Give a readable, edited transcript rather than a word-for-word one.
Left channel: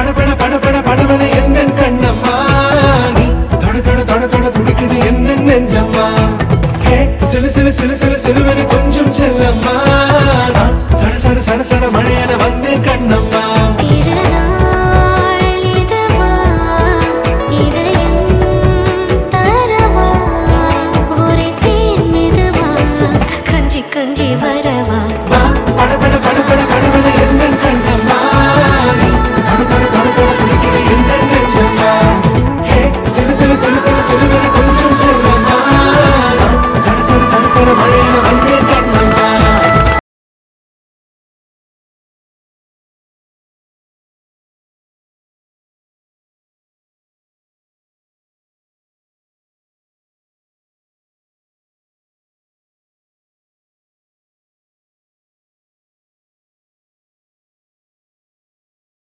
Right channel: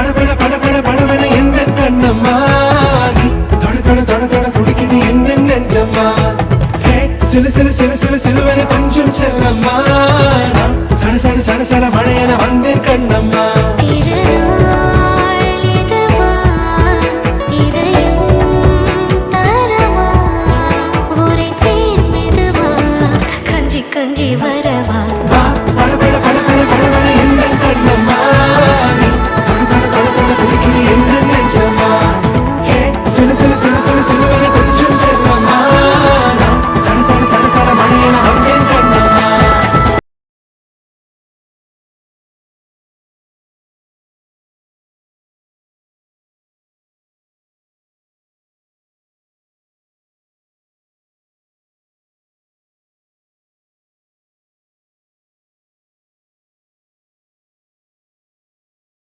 படபட படபட படபட எந்த கண்ணம்மா நீ தொட தொட தொட தொட துடிக்குது எந்த நெஞ்சம்மா ஹே சிலு சிலு சிலு சிலு சிலுவன கொஞ்சம் செல்லம்மா நான் சட சட சட சட மழையன வந்தேன் கண்ணம்மா திருநாள் இதுவா இதயம் தரவா ஒரே தேன் மெதுவா கஞ்சி கஞ்சி